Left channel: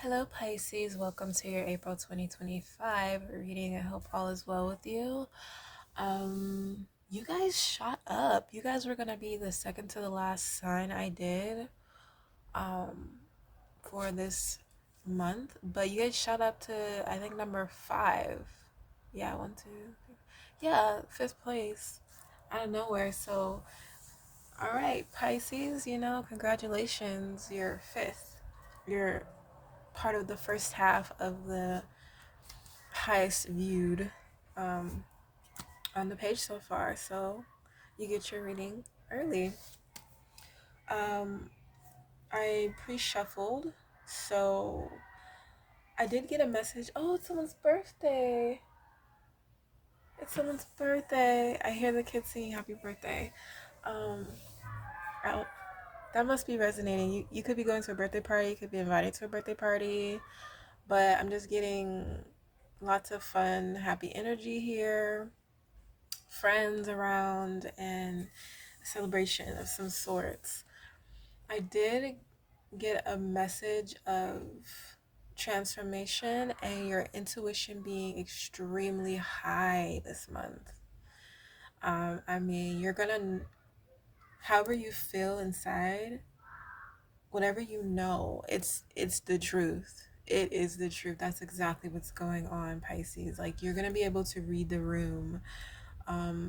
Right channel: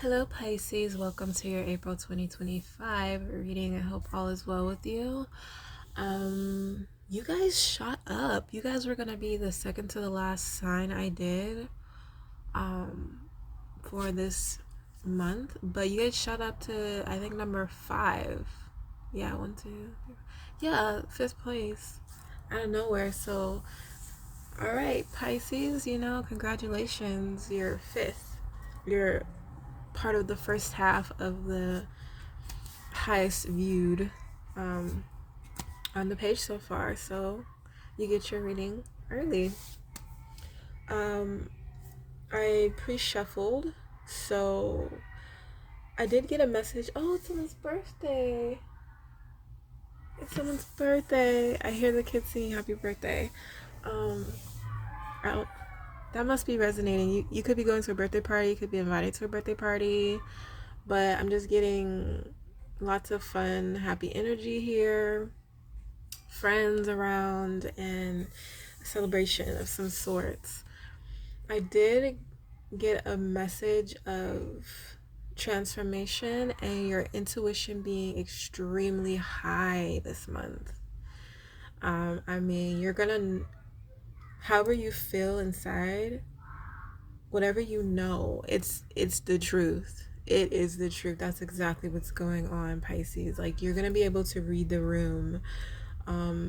Hello Pisces, welcome to your April 2025 reading. I hope all is well with you. You guys shot up. You guys were gonna be the second to the last sign I did for this month, but you guys shot up to I think number 5. Yeah, 1, 2, 3. Yeah, 5th place out of nowhere. So all right, Pisces, congratulations, you're 5th. You're part of the first half of the highest viewed on the page so far, so you get your reading early. I pre-shuffled, so I did get a message. Oh, it's someone's birthday. It's someone's birthday. I hear the kids singing happy birthday. Out. That must be resonating. You could be going to a birthday party, you could be invited to a birthday party, but I'm just getting lots of fun, happy energy here, friends around, and a celebration of some sorts. I did get a message of transformation and your intuition being extremely high this month. You're gonna, however you feel inside, whatever you know, it's the truth. It is the truth. That's exactly what's going on, Pisces. Like, you're gonna be able to read the room.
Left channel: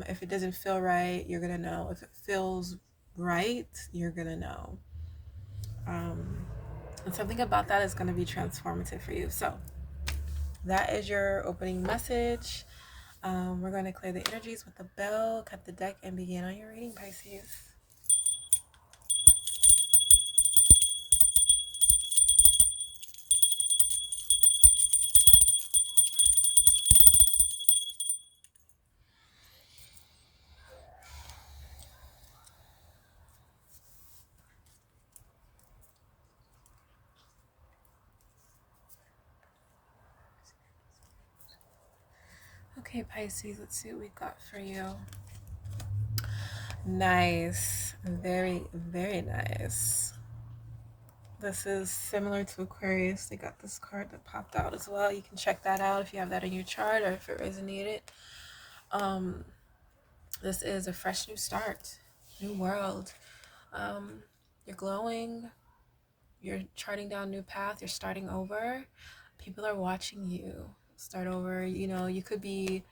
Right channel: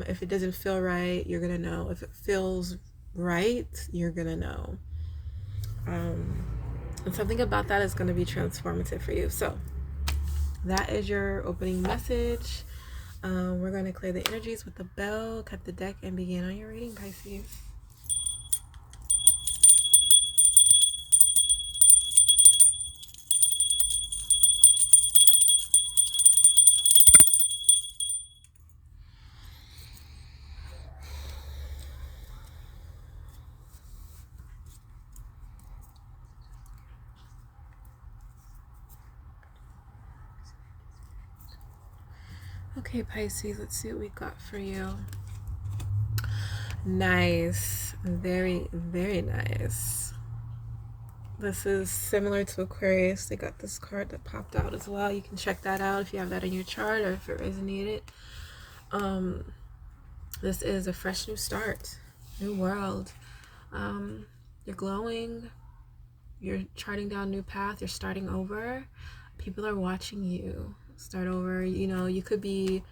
If it doesn't feel right, you're gonna know. If it feels right, you're gonna know. And something about that is gonna be transformative for you. So that is your opening message. We're gonna clear the energies with the bell, cut the deck, and begin on your reading, Pisces. Okay, Pisces, let's see what we got for you. Nice. Very, very nice. This is similar to Aquarius. They got this card that popped out as well. You can check that out if you have that in your chart or if it resonated. This is a fresh new start, new world. You're glowing. You're charting down a new path. You're starting over. People are watching you start over. You could be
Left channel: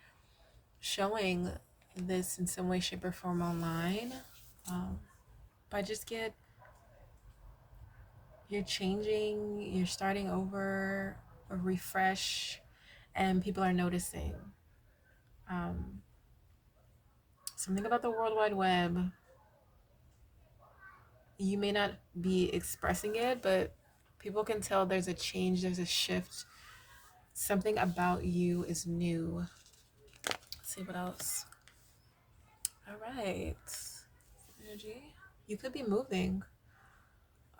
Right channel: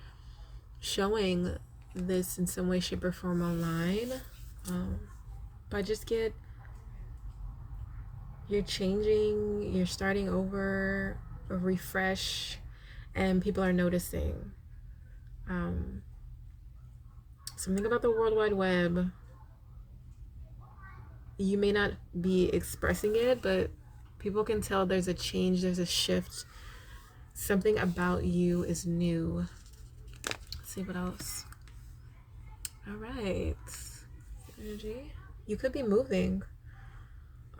showing this in some way, shape, or form online. But you're changing, you're starting over, a refresh, and people are noticing. Something about the World Wide Web. You may not be expressing it, but people can tell there's a change, there's a shift. Something about you is new. Let's see what else. All right. Energy. You could be moving,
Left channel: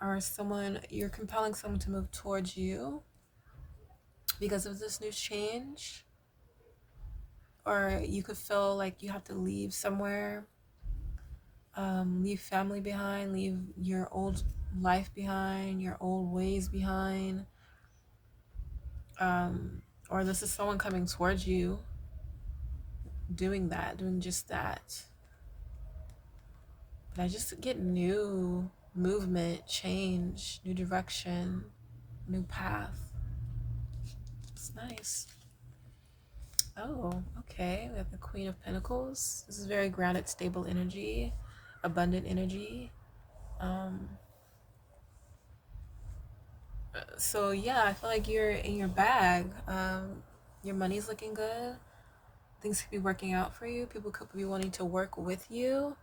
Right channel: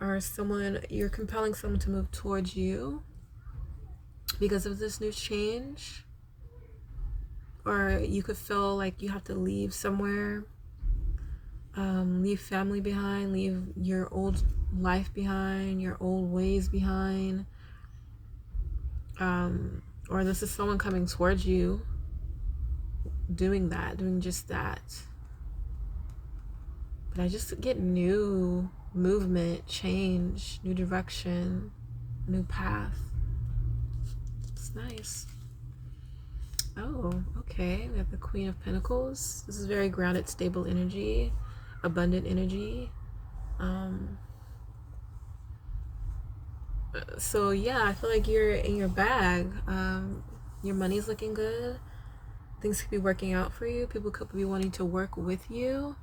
or you're compelling someone to move towards you because of this new change. Or you could feel like you have to leave somewhere, leave family behind, leave your old life behind, your old ways behind. Or this is someone coming towards you doing just that. But I just get new movement, change, new direction, new path. It's nice. Oh, okay. We have the Queen of Pentacles. This is very grounded, stable energy, abundant energy. So yeah, I feel like you're in your bag. Your money's looking good. Things could be working out for you. People could be wanting to work with you.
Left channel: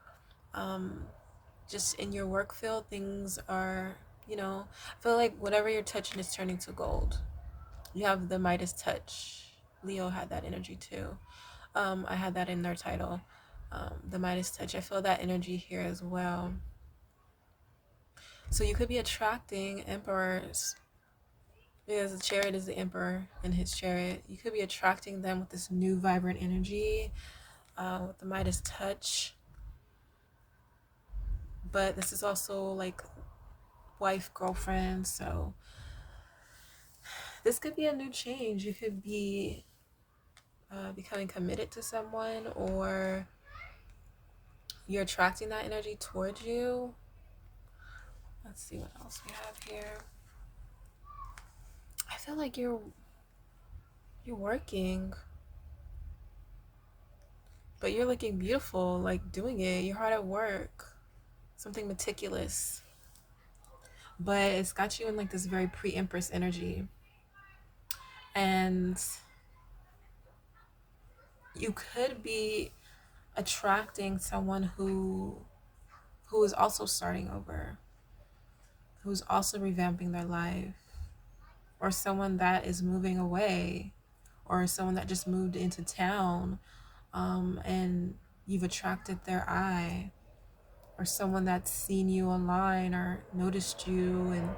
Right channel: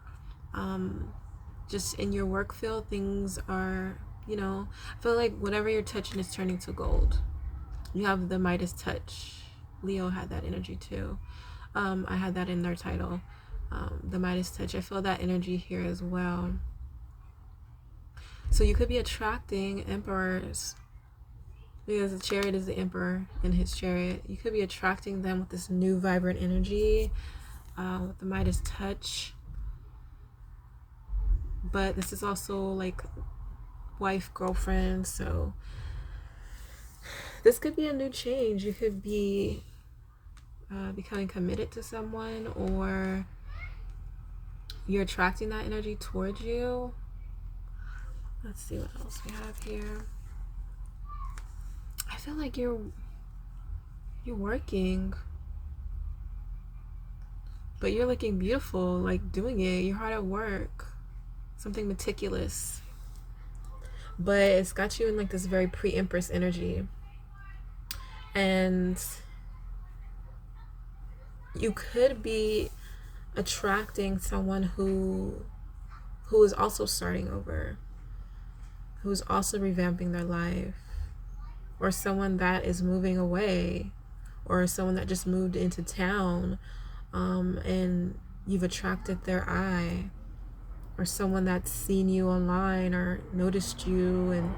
Just in your work field, things are, I feel like whatever you're touching is turning to gold. You have the Midas touch. Leo had that energy too. I had that in their title. The Midas touch. I feel that energy here as well. So you could be attracting emperors, because the Chariot is the emperor in his chariot. You could be attracting them with this new vibrant energy, with the Midas touch. But this is also like wife, girlfriend, so This could be a new change. You could be becoming committed to someone, or you're attracting that energy towards you. Let's see what else we have here. I feel like you're working, but you're looking beautiful, like doing it. You're hard at work, something meticulous, but it's got you in like this very pre-empress energy. And you could be attracting someone who is also starting over, who's also revamping their life, or someone that is moving away, or someone that just moved into town, and you've attracted their eye, or someone that's seen you online or noticed you. And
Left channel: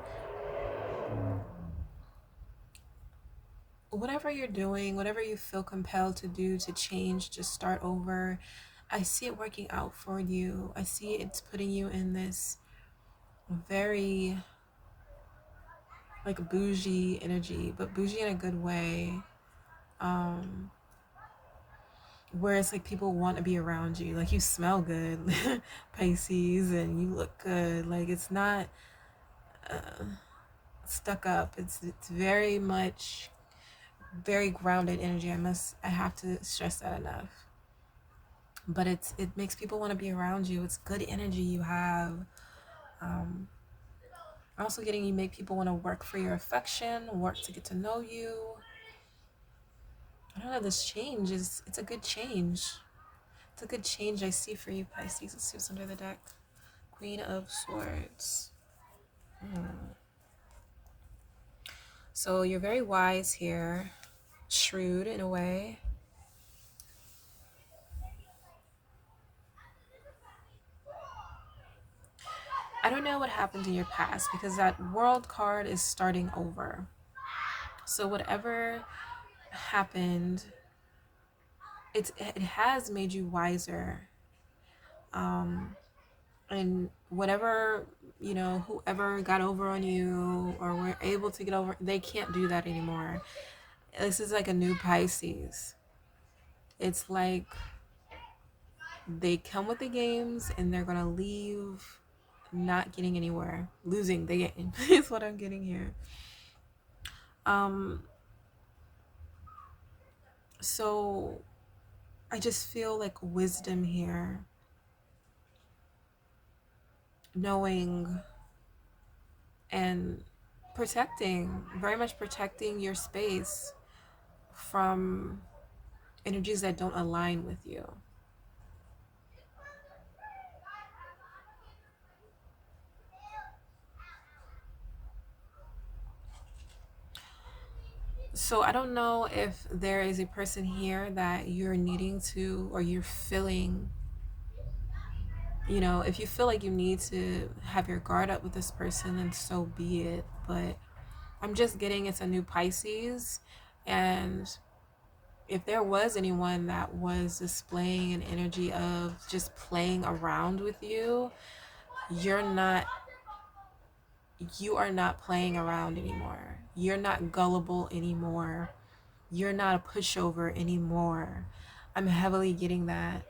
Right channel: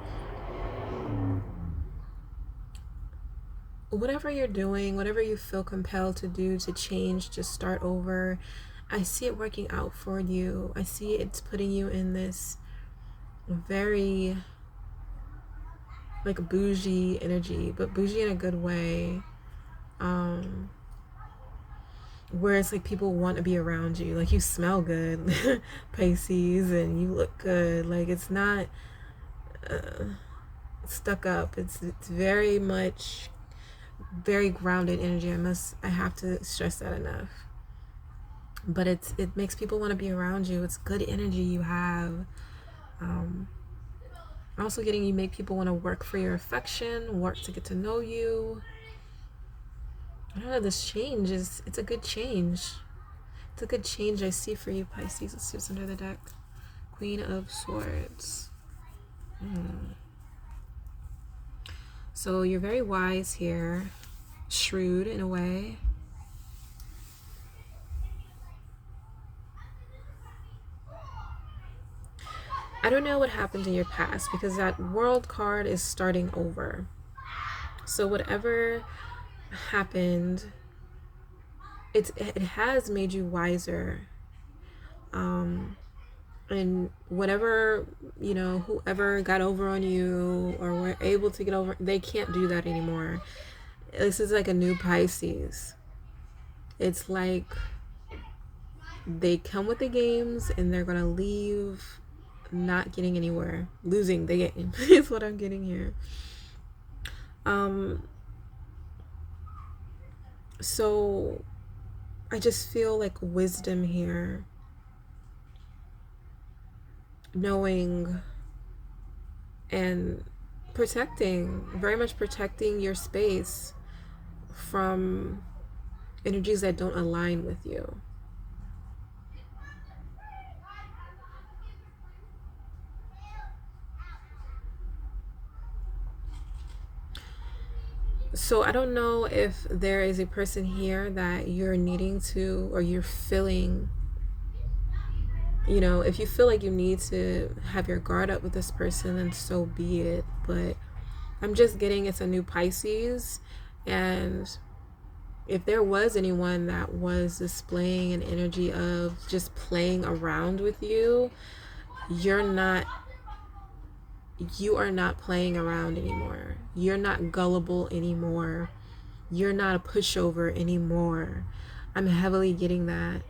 whatever you're doing, whatever you feel compelled to do, to change, to start over, I see it working out for you. I see it's putting you in this very like bougie energy, but bougie in a good way, where it's like people want to be around you. Like, you smell good, Pisces, and you look good. Like, it's not stuck up. It's very much very grounded energy. I have to stress that enough. But it makes people want to be around you. It's good energy you have. Also getting you make people want to work for your affection, work to get to know you. I don't know, this change it's a good change. It's a good change I see for you, Pisces. Let's see what's under the deck. Queen of Swords. So you're very wise here, shrewd in a way. I don't know what happened in your past, because that World card is starting over. So whatever happened, it has made you wiser. And whatever, whoever got over on you or were able to get over, they can't do that anymore. This is like a new Pisces. It's like they come with the games and they're gonna leave not getting anywhere, losing the game is what I'm getting here. So I just feel like wisdom here, knowing and protecting, very much protecting your space from energies that don't align with you. So I don't know if there is a person here that you're needing to, or you're feeling, if you feel like you need to have your guard up with this person, then so be it. But I'm just getting it's a new Pisces. And if there was anyone that was displaying an energy of just playing around with you, you are not playing around anymore. You're not gullible anymore. You're not a pushover anymore. I'm heavily getting that.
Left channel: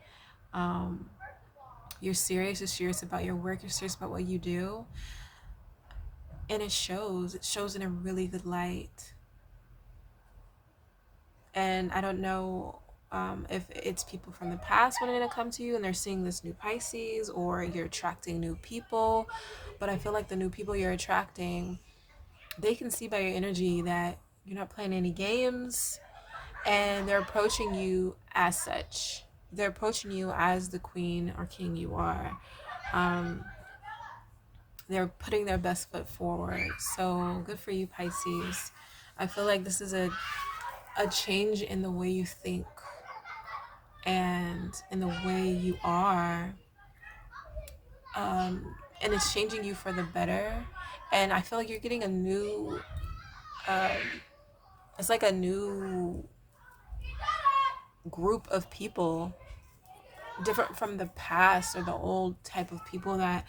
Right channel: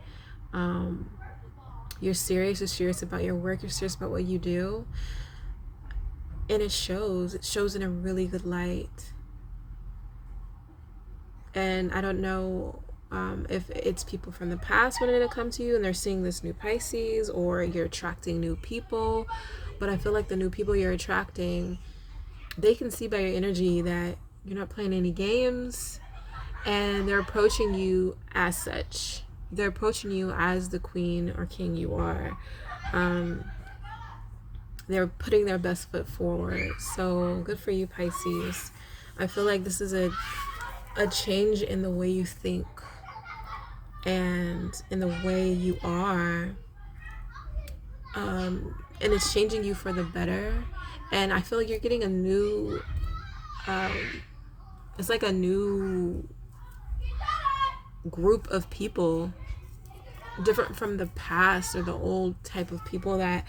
You're serious. You're serious about your work. You're serious about what you do. And it shows. It shows in a really good light. And I don't know if it's people from the past wanting to come to you and they're seeing this new Pisces, or you're attracting new people. But I feel like the new people you're attracting, they can see by your energy that you're not playing any games, and they're approaching you as such. They're approaching you as the queen or king you are. They're putting their best foot forward. So good for you, Pisces. I feel like this is a change in the way you think and in the way you are. And it's changing you for the better. And I feel like you're getting a new, it's like a new group of people, different from the past or the old type of people that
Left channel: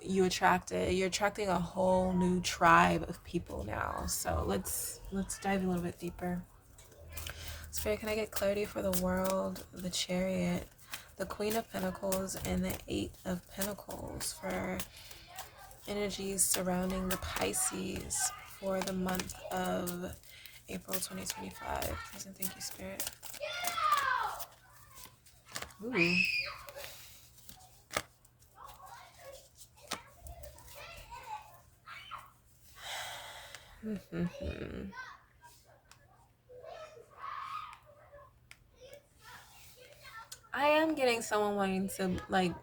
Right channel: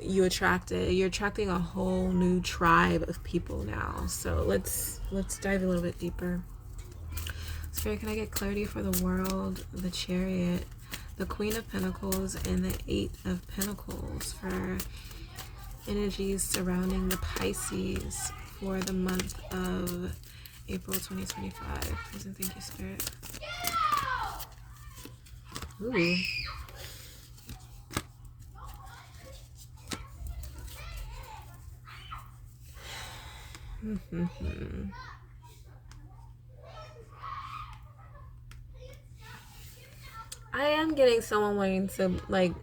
you attracted. You're attracting a whole new tribe of people now. So let's dive a little bit deeper. Spirit, can I get clarity for the world, the Chariot, the Queen of Pentacles, and the Eight of Pentacles for energies surrounding the Pisces for the month of April 2025. Please and thank you, Spirit. Ooh. I am getting someone wanting to like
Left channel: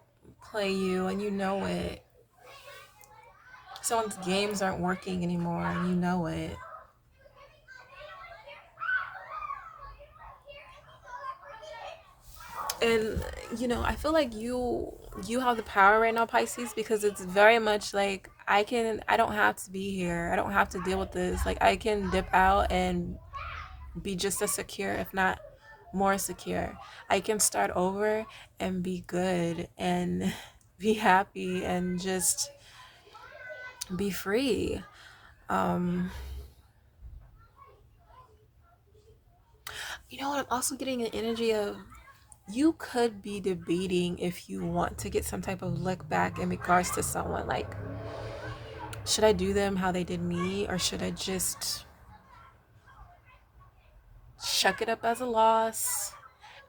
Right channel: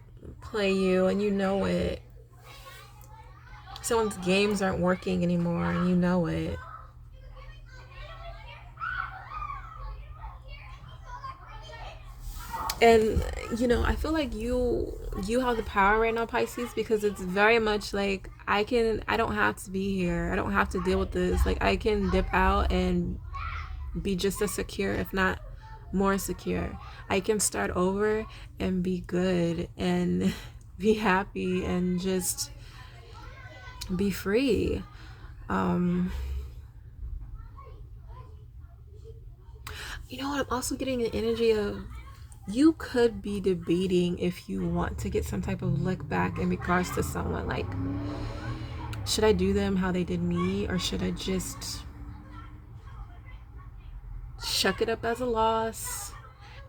play you, and you know it. Someone's games aren't working anymore, and you know it. And you know, I feel like you have the power right now, Pisces, because it's very much like I don't have to be here. I don't have to deal with this. Like I can dip out and be just as secure, if not more secure. I can start over and be good and be happy and just be free. You know what? I'm also getting an energy of you could be debating if you want to get some type of look back in regards to someone. Like, should I do them how they did me, or should I just shuck it up as a loss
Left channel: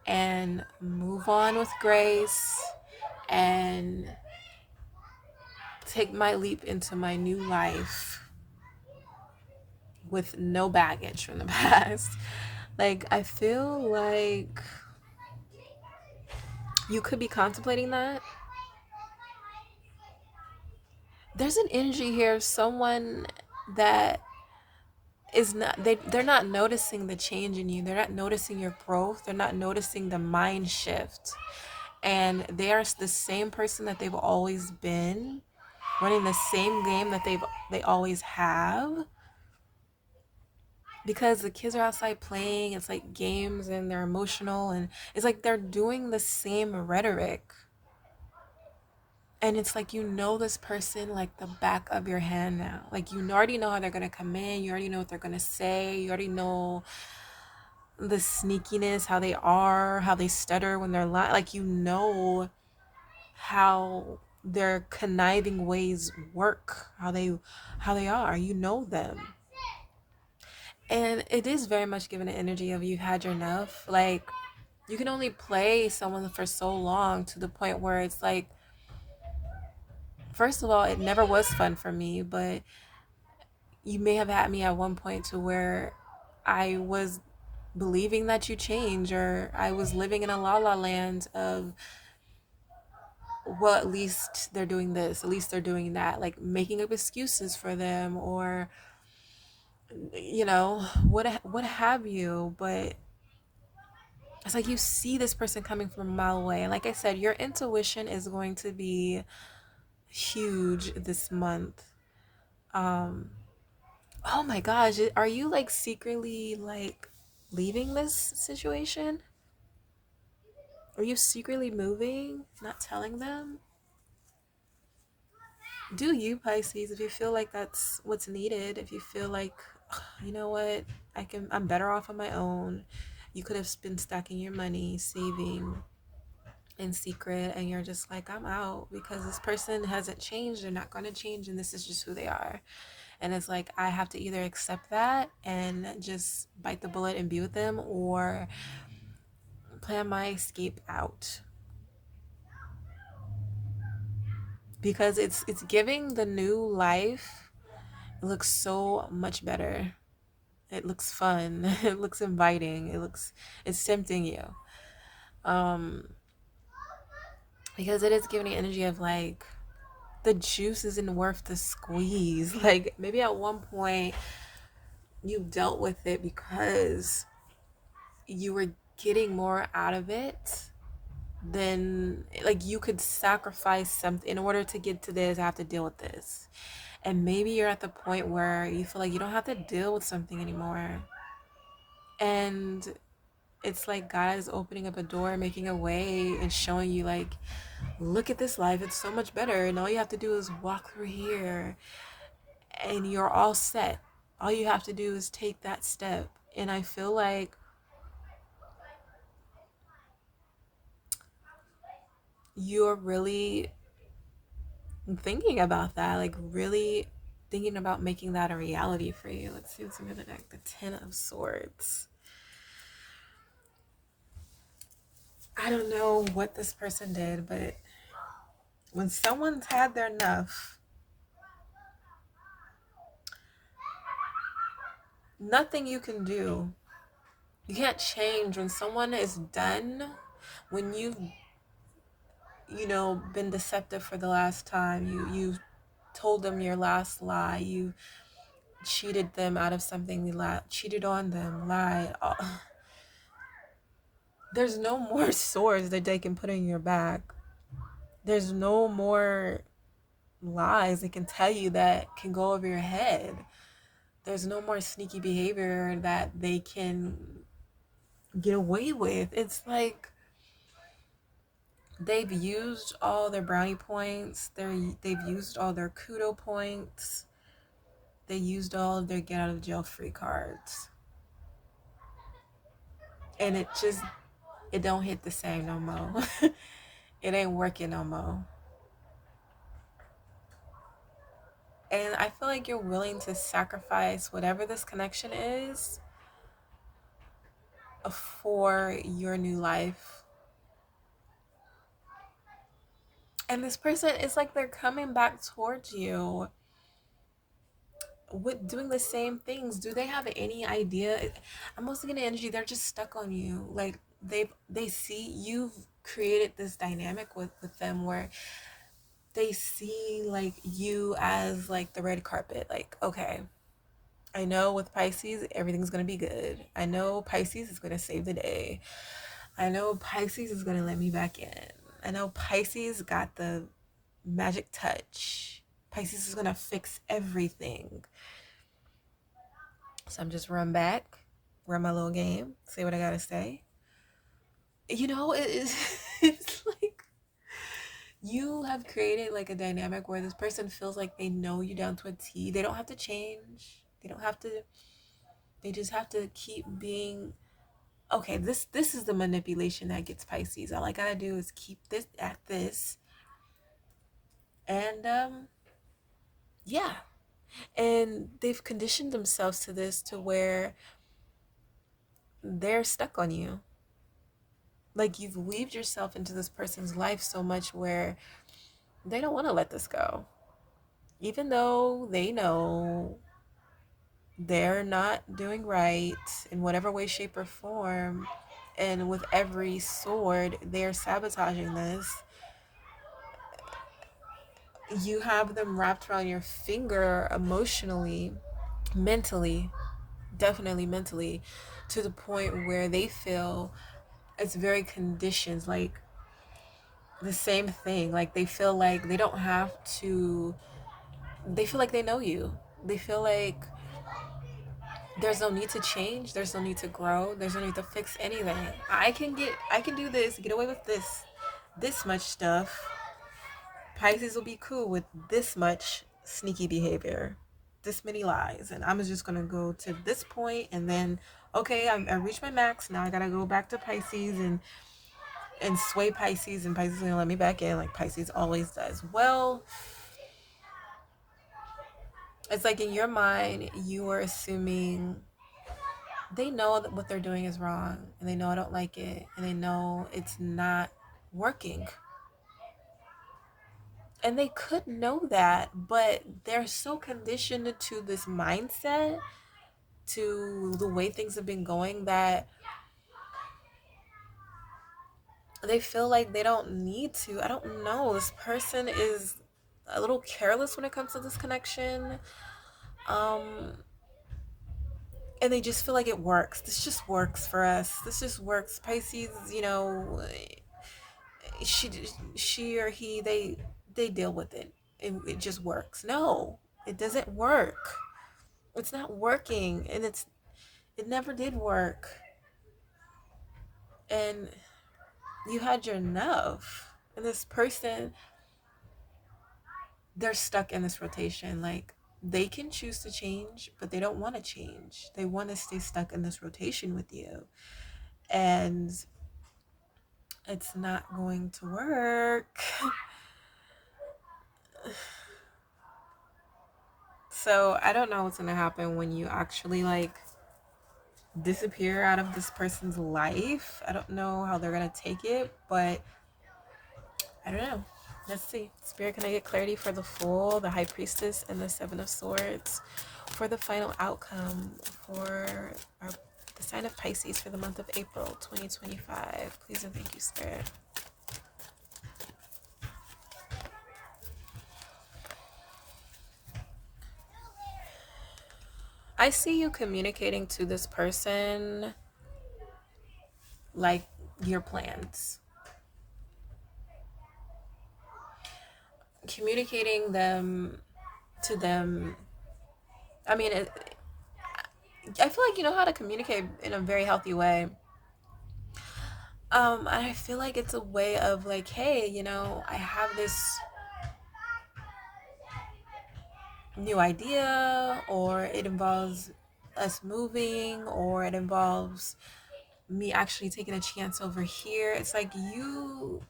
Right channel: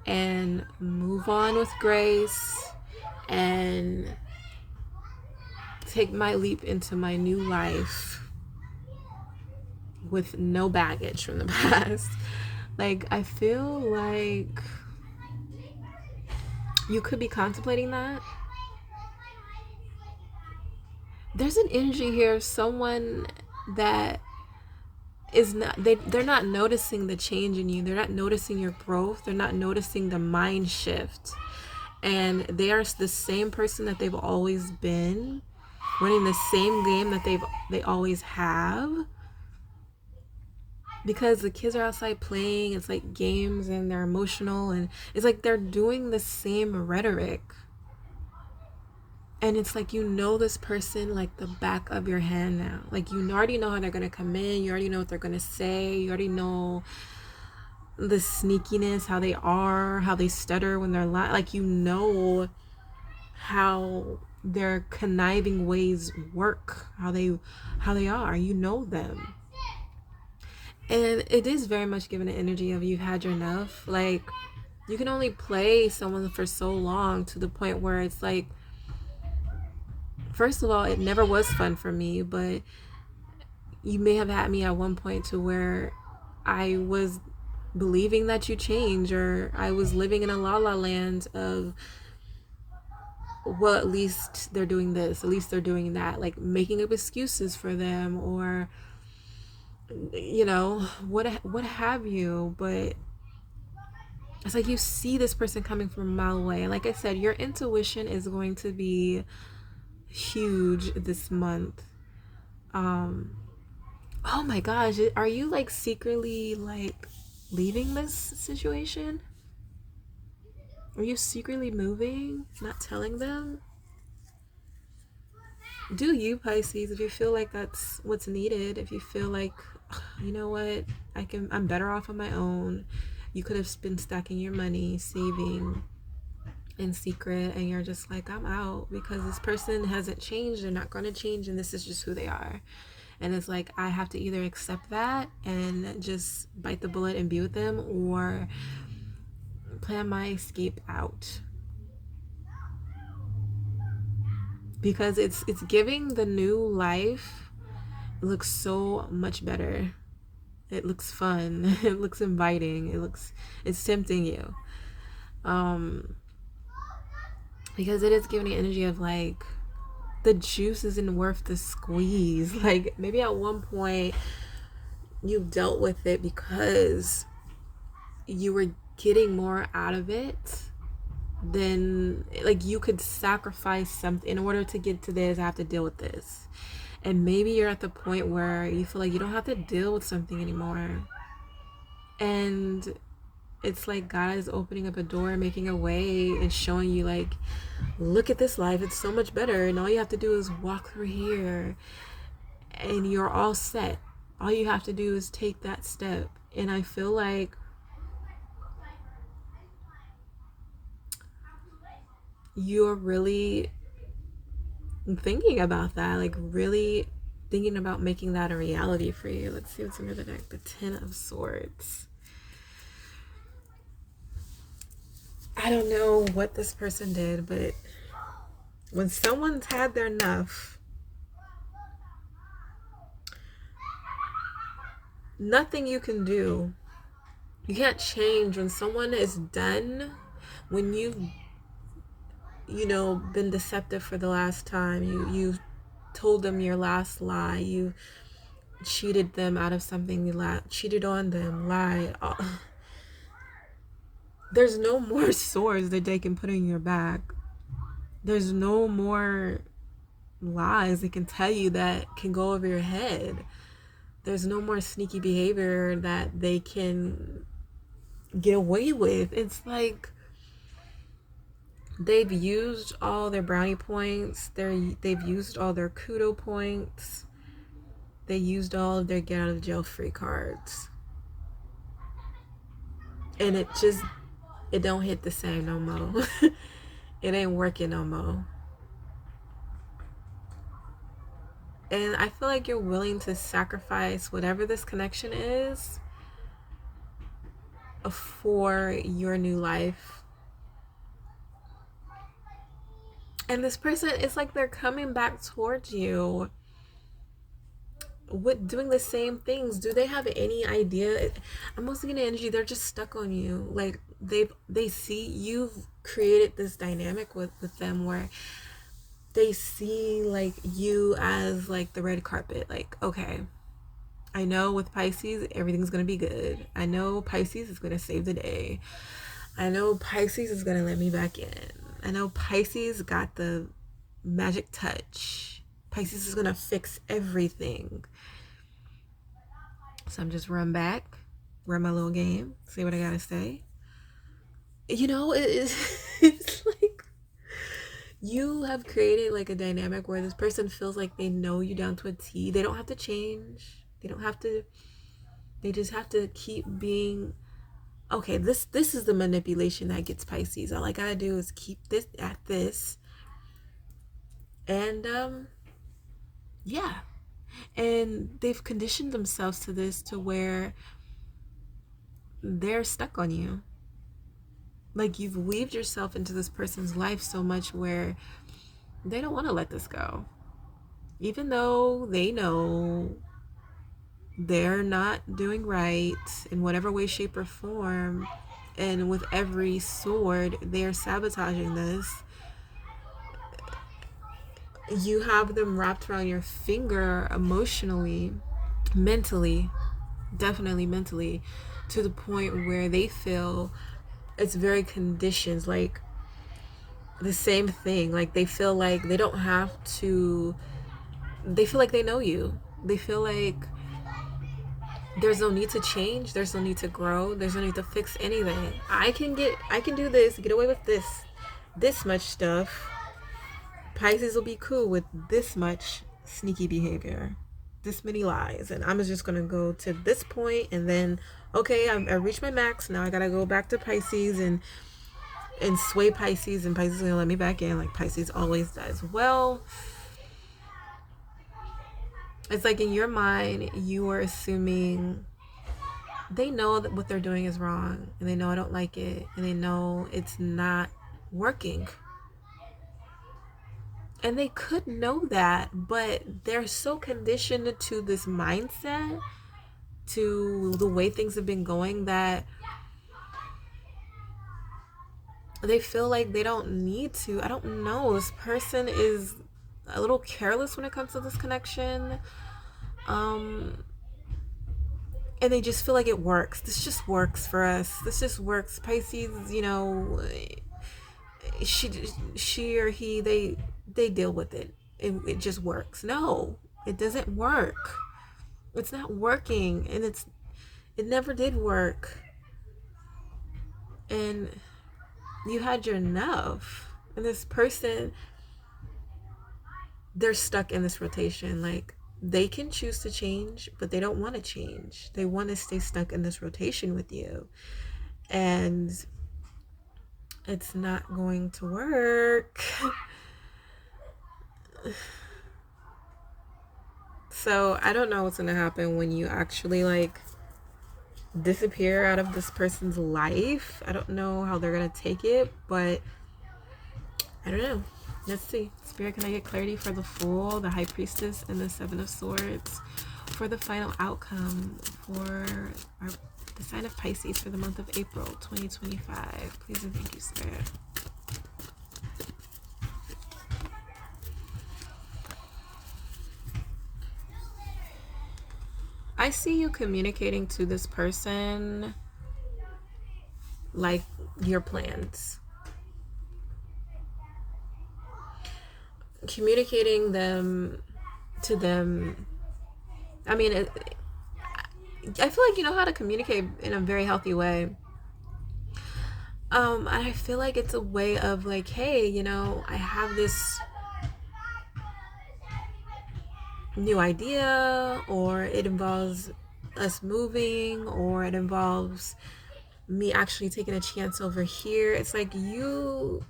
and move on with grace and take my leap into my new life with no baggage from the past? Like, I feel like you could be contemplating that. There's an energy here of someone that is not, they're not noticing the change in you. They're not noticing your growth. They're not noticing the mind shift. And they are the same person that they've always been, running the same game that they always have. Because the kids are outside playing, it's like games, and they're emotional, and it's like they're doing the same rhetoric. And it's like, you know, this person like the back of your hand now. Like, you already know how they're gonna come in. You already know what they're gonna say. You already know the sneakiness, how they are, how they stutter when they're lying. Like, you know how their conniving ways work, how they are. You know them. And it is very much given an energy of you've had your enough. Like, you can only play someone for so long, to the point where it's like, first of all, it never was fun for me, but you may have had me at one point to where I was believing that you change, or I was living in a la la land of, well, at least they're doing this, at least they're doing that, like making up excuses for them, or you know, what have you. But it's like you see this person coming from a mile away, and like I said, your intuition is going to be huge this month. Oh my gosh, are you like secretly like leaving this situation? Are you secretly moving, not telling them? Do you, Pisces, if you feel like that's what's needed, if you feel like, you know what, I'm better off on my own. You could have been stacking your money, saving in secret, and you're just like, I'm out because this person hasn't changed, they're not going to change, and this is just who they are. And it's like, I have to either accept that and just bite the bullet and be with them, or plan my escape out. Because it's giving the new life. It looks so much better. It looks fun. It looks inviting. It's tempting you. Because it is giving the energy of like, the juice isn't worth the squeeze. Like, maybe at one point you dealt with it because you were getting more out of it than, like, you could sacrifice something in order to get to this. I have to deal with this. And maybe you're at the point where you feel like you don't have to deal with something anymore, and it's like God is opening up a door, making a way, and showing you like, look at this life, it's so much better, and all you have to do is walk through here and you're all set. All you have to do is take that step. And I feel like you're really thinking about that, like really thinking about making that a reality for you. Let's see what's under the deck. The Ten of Swords. I don't know what this person did, but when someone's had their enough, nothing you can do. You can't change when someone is done, when you've been deceptive for the last time, you told them your last lie, you cheated them out of something, you cheated on them, lied. There's no more swords that they can put in your back. There's no more lies they can tell you that can go over your head. There's no more sneaky behavior that they can get away with. It's like they've used all their brownie points. They've used all their kudo points. They used all of their get out of jail free cards. And it don't hit the same no more. It ain't working no more. And I feel like you're willing to sacrifice whatever this connection is for your new life. And this person, it's like they're coming back towards you with doing the same things. Do they have any idea? I'm also getting energy, they're just stuck on you. Like they see you've created this dynamic with them where they see like you as like the red carpet. Like, okay, I know with Pisces everything's gonna be good. I know Pisces is gonna save the day. I know Pisces is gonna let me back in. I know Pisces got the magic touch. Pisces is gonna fix everything. So I'm just run my little game, say what I gotta say. It's like you have created like a dynamic where this person feels like they know you down to a T. They don't have to change. They just have to keep being okay. This is the manipulation that gets Pisces. All I gotta do is keep this at this. And yeah. And they've conditioned themselves to this to where they're stuck on you. Like you've weaved yourself into this person's life so much where they don't want to let this go. Even though they know they're not doing right in whatever way, shape, or form. And with every sword, they're sabotaging this. You have them wrapped around your finger emotionally, mentally, definitely mentally, to the point where they feel it's very conditioned, like the same thing. Like they feel like they don't have to, they feel like they know you. They feel like there's no need to change, there's no need to grow, there's no need to fix anything. I can do this, get away with this much stuff. Pisces will be cool with this much sneaky behavior, this many lies, and I'm just gonna go to this point, and then okay, I reached my max. Now I gotta go back to Pisces and sway Pisces, and Pisces is gonna let me back in, like Pisces always does. Well, it's like in your mind you were assuming they know that what they're doing is wrong, and they know I don't like it, and they know it's not working. And they could know that, but they're so conditioned to this mindset, to the way things have been going, that they feel like they don't need to. I don't know. This person is a little careless when it comes to this connection. And they just feel like it works. This just works for us. This just works. Pisces, she or he, they deal with it. It just works. No, it doesn't work. It's not working, and it never did work. and you had your enough. And this person, they're stuck in this rotation. Like, they can choose to change, but they don't want to change. They want to stay stuck in this rotation with you. And it's not going to work. So I don't know what's going to happen when you actually like disappear out of this person's life. I don't know how they're going to take it, but I don't know. Let's see. Spirit, can I get clarity for the Fool, the High Priestess, and the Seven of Swords for the final outcome for the sign of Pisces for the month of April 2025? Please and thank you, Spirit. I see you communicating to this person like your plans. Communicating them to them. I mean, I feel like you know how to communicate in a very healthy way. I feel like it's a way of like, hey, you know, I have this new idea, or it involves us moving, or it involves me actually taking a chance over here. It's like you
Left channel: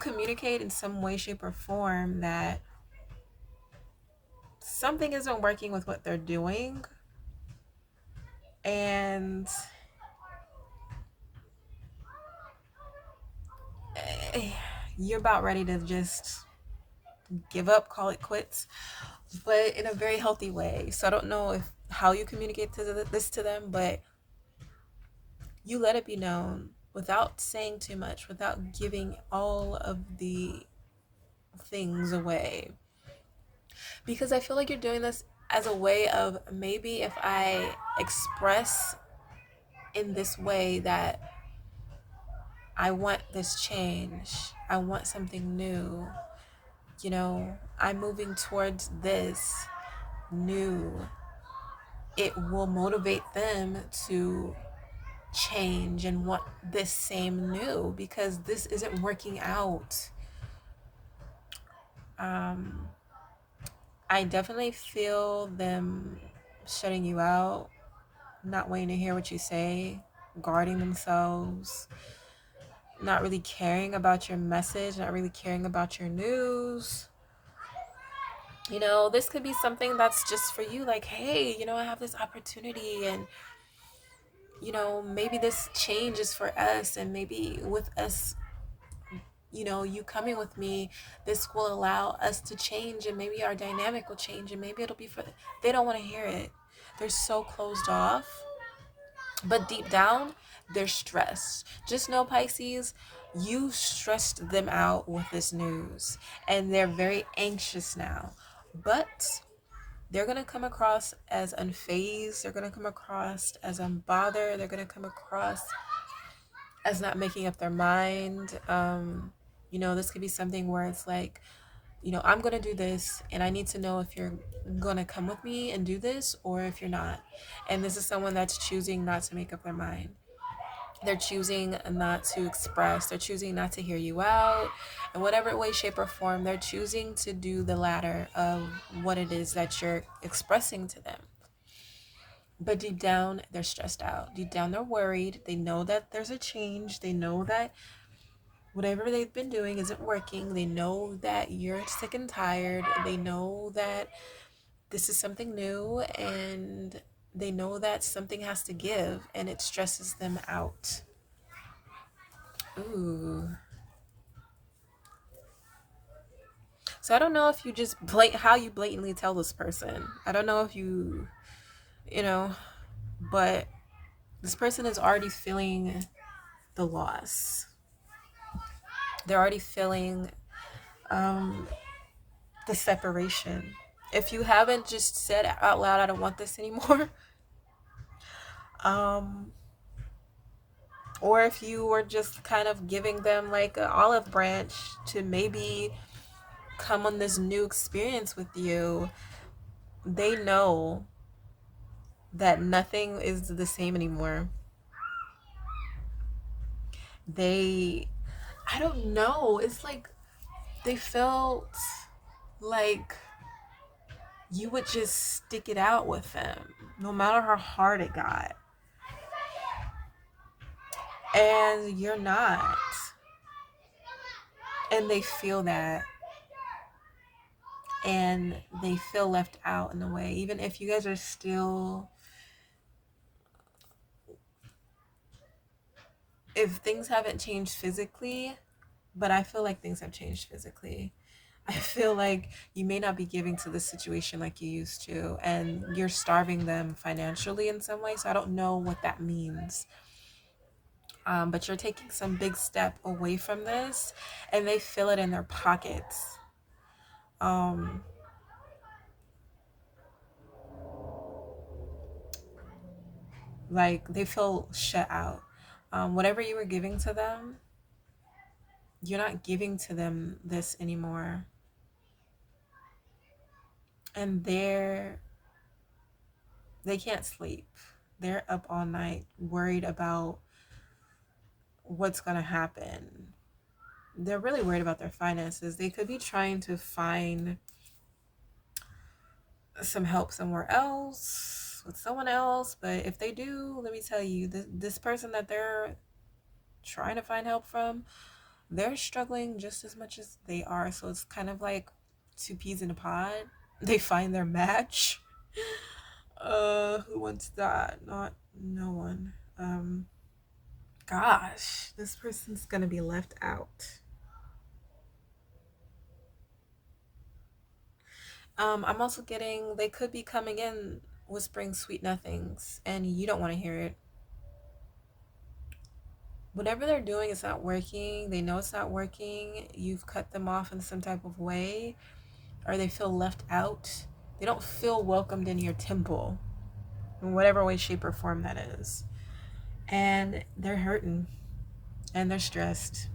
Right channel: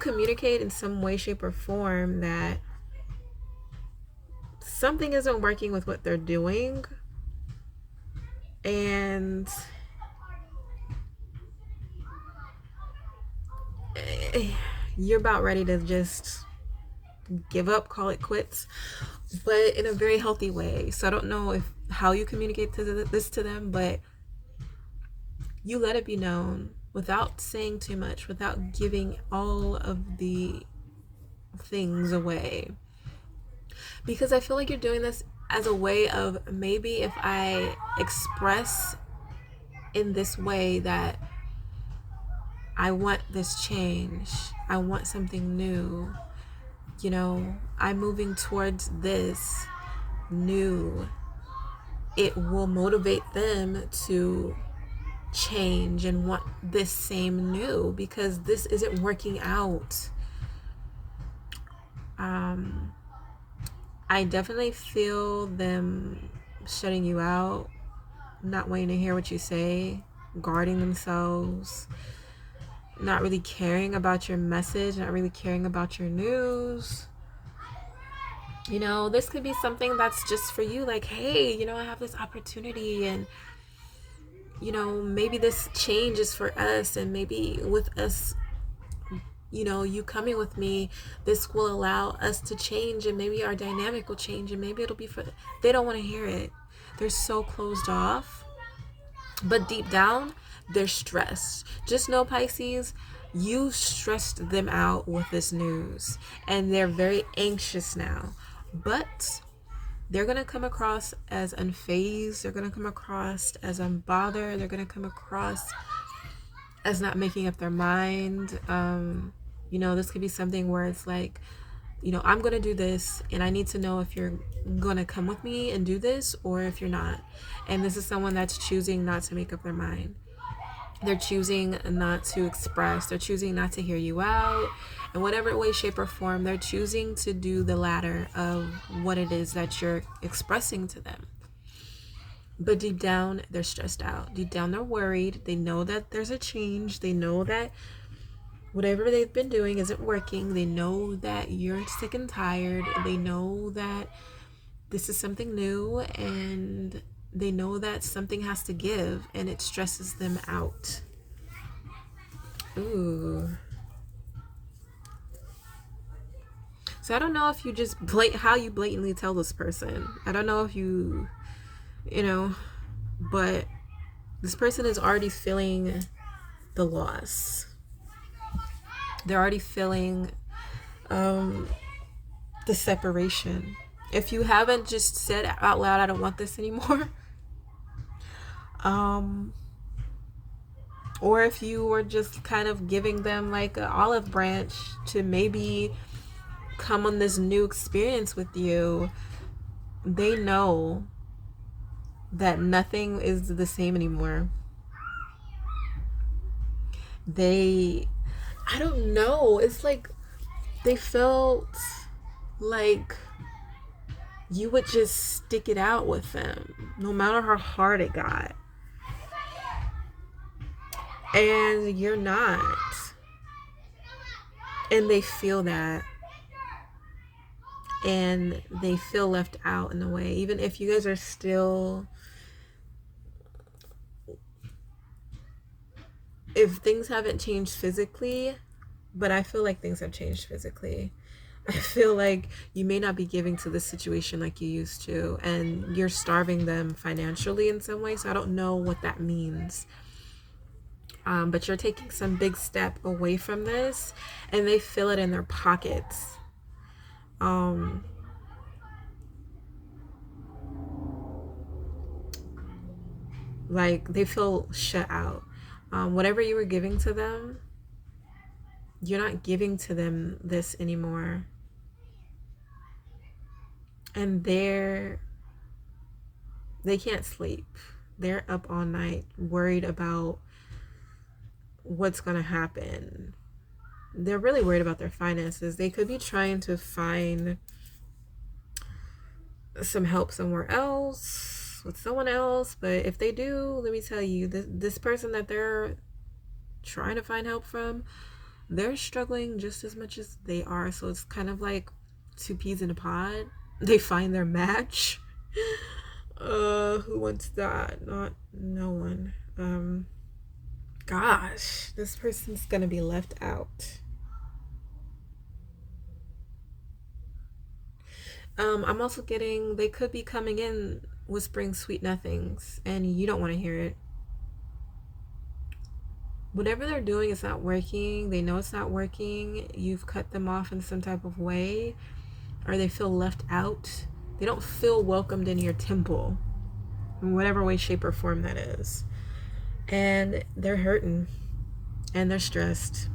communicate in some way, shape, or form that something isn't working with what they're doing, and you're about ready to just give up, call it quits, but in a very healthy way. So I don't know how you communicate this to them, but you let it be known without saying too much, without giving all of the things away. Because I feel like you're doing this as a way of, maybe if I express in this way that I want this change, I want something new, you know, I'm moving towards this new, it will motivate them to change and want this same new, because this isn't working out. I definitely feel them shutting you out, not wanting to hear what you say, guarding themselves, not really caring about your message, not really caring about your news. You know, this could be something that's just for you, like, hey, you know, I have this opportunity, and you know, maybe this change is for us, and maybe with us, you know, you coming with me, this will allow us to change, and maybe our dynamic will change, and maybe it'll be for, they don't want to hear it. They're so closed off, but deep down they're stressed. Just know, Pisces, you stressed them out with this news, and they're very anxious now, but they're going to come across as unfazed. They're going to come across as unbothered. They're going to come across as not making up their mind. You know, this could be something where it's like, you know, I'm going to do this, and I need to know if you're going to come with me and do this, or if you're not. And this is someone that's choosing not to make up their mind. They're choosing not to express. They're choosing not to hear you out. In whatever way, shape, or form, they're choosing to do the latter of what it is that you're expressing to them. But deep down, they're stressed out. Deep down, they're worried. They know that there's a change. They know that whatever they've been doing isn't working. They know that you're sick and tired. They know that this is something new, and they know that something has to give, and it stresses them out. Ooh. So I don't know if you just how you blatantly tell this person. I don't know if you know, but this person is already feeling the loss. They're already feeling the separation. If you haven't just said out loud, I don't want this anymore, or if you were just kind of giving them like an olive branch to maybe come on this new experience with you, they know that nothing is the same anymore. I don't know, it's like they felt like you would just stick it out with them no matter how hard it got, and you're not, and they feel that, and they feel left out in a way, even if you guys are still, if things haven't changed physically, but I feel like things have changed physically. I feel like you may not be giving to this situation like you used to, and you're starving them financially in some way. So I don't know what that means. But you're taking some big step away from this, and they feel it in their pockets. Like they feel shut out. Whatever you were giving to them, you're not giving to them this anymore. And they can't sleep. They're up all night worried about what's going to happen. They're really worried about their finances. They could be trying to find some help somewhere else with someone else, but if they do, let me tell you, this person that they're trying to find help from, they're struggling just as much as they are. So it's kind of like two peas in a pod. They find their match. Who wants that? Not no one. Gosh, this person's gonna be left out. I'm also getting, they could be coming in whispering sweet nothings, and you don't want to hear it. Whatever they're doing is not working. They know it's not working. You've cut them off in some type of way, or they feel left out. They don't feel welcomed in your temple, in whatever way, shape, or form that is. And they're hurting, and they're stressed,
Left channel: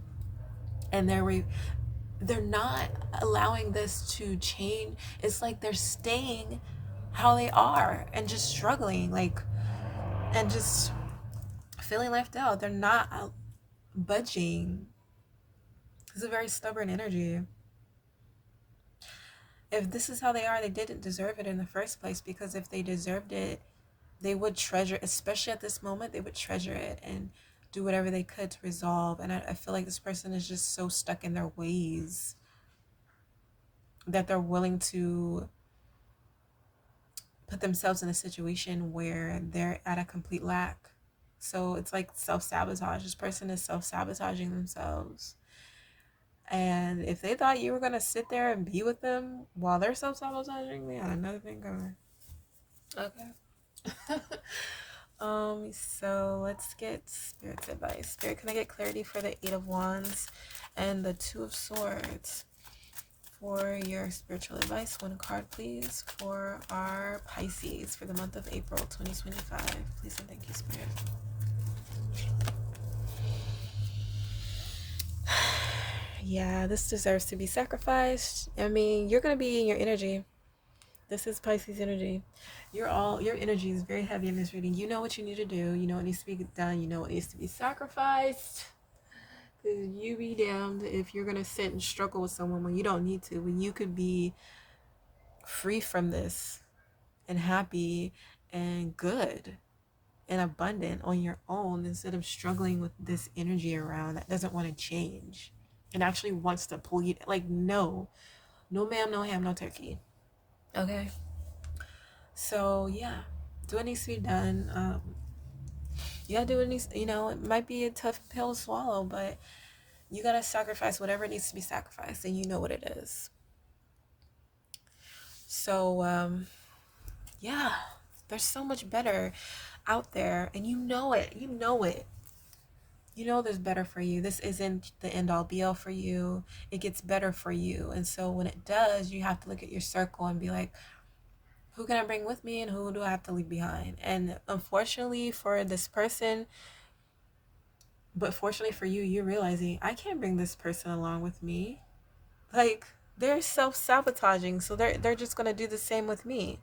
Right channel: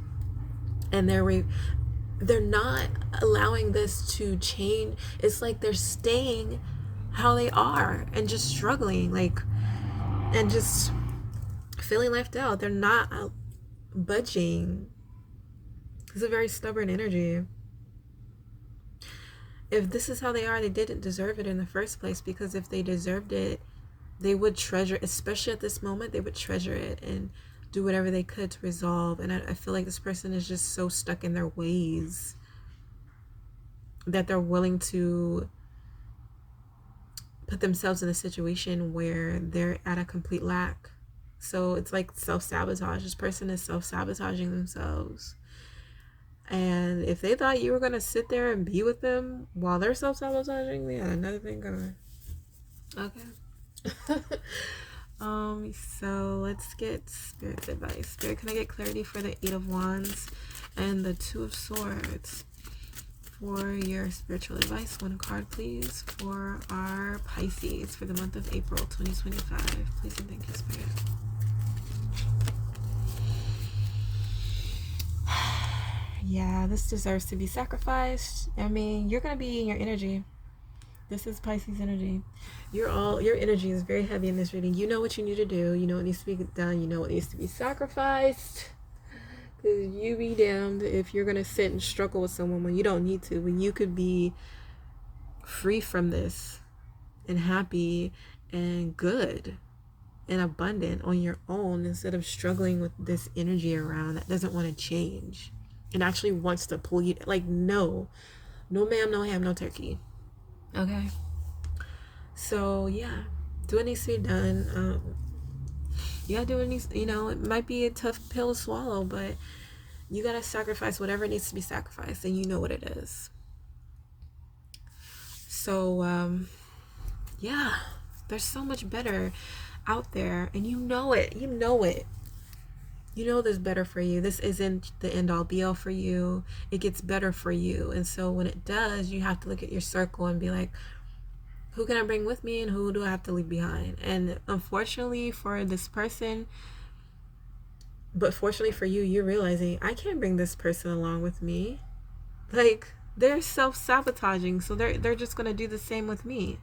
and they're not allowing this to change. It's like they're staying how they are and just struggling, like, and just feeling left out. They're not budging. It's a very stubborn energy. If this is how they are, they didn't deserve it in the first place, because if they deserved it, they would treasure, especially at this moment, they would treasure it and do whatever they could to resolve. And I feel like this person is just so stuck in their ways that they're willing to put themselves in a situation where they're at a complete lack. So it's like self-sabotage. This person is self-sabotaging themselves. And if they thought you were going to sit there and be with them while they're self-sabotaging, they had another thing coming. Okay. So let's get Spirit's advice. Spirit, can I get clarity for the 8 of Wands and the 2 of Swords for your spiritual advice? One card, please, for our Pisces for the month of April 2025. Please and thank you, Spirit. Yeah, this deserves to be sacrificed. I mean, you're going to be in your energy. This is Pisces energy. Your energy is very heavy in this reading. You know what you need to do. You know what needs to be done. You know what needs to be sacrificed. Because you be damned if you're going to sit and struggle with someone when you don't need to. When you could be free from this and happy and good and abundant on your own, instead of struggling with this energy around that doesn't want to change and actually wants to pull you. Like, no ma'am, no ham, no turkey. Okay. So yeah, do what needs to be done. You gotta do what needs, it might be a tough pill to swallow, but you gotta sacrifice whatever needs to be sacrificed, and you know what it is. So yeah, there's so much better out there, and you know it. You know there's better for you. This isn't the end all be all for you. It gets better for you. And so when it does, you have to look at your circle and be like, who can I bring with me and who do I have to leave behind? And unfortunately for this person, but fortunately for you, you're realizing, I can't bring this person along with me. Like, they're self-sabotaging, so they're just gonna do the same with me.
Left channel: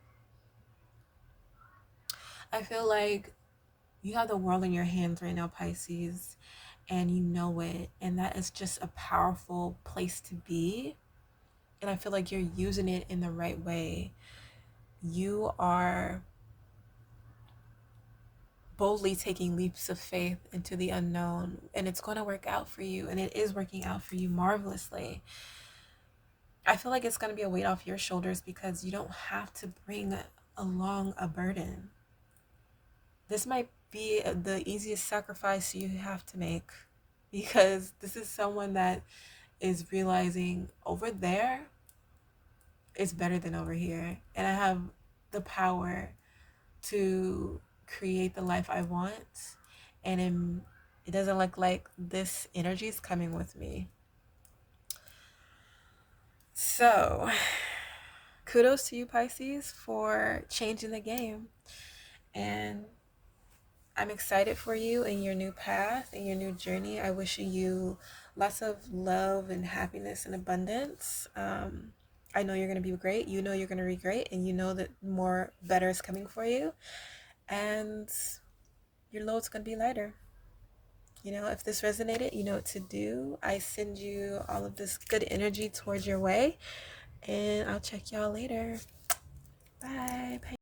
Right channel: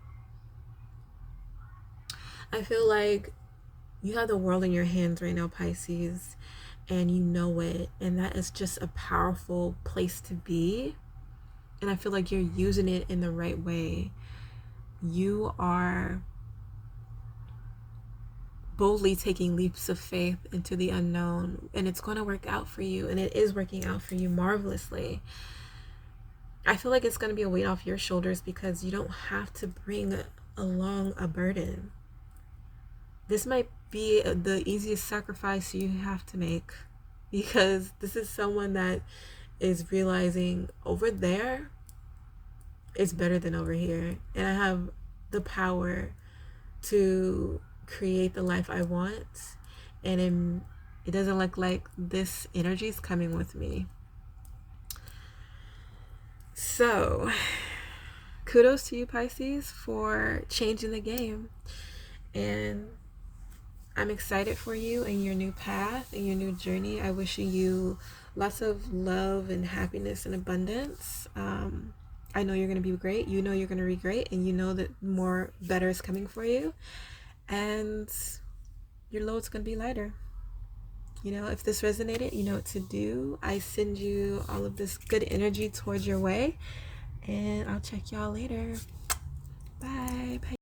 I feel like you have the world in your hands right now, Pisces, and you know it, and that is just a powerful place to be. And I feel like you're using it in the right way. You are boldly taking leaps of faith into the unknown, and it's going to work out for you, and it is working out for you marvelously. I feel like it's going to be a weight off your shoulders because you don't have to bring along a burden. This might be the easiest sacrifice you have to make, because this is someone that is realizing over there is better than over here, and I have the power to create the life I want, and it doesn't look like this energy is coming with me. So kudos to you, Pisces, for changing the game, and I'm excited for you and your new path and your new journey. I wish you lots of love and happiness and abundance. I know you're going to be great. You know you're going to be great, and you know that more better is coming for you, and your load's going to be lighter. You know, if this resonated, you know what to do. I send you all of this good energy towards your way, and I'll check y'all later. Bye.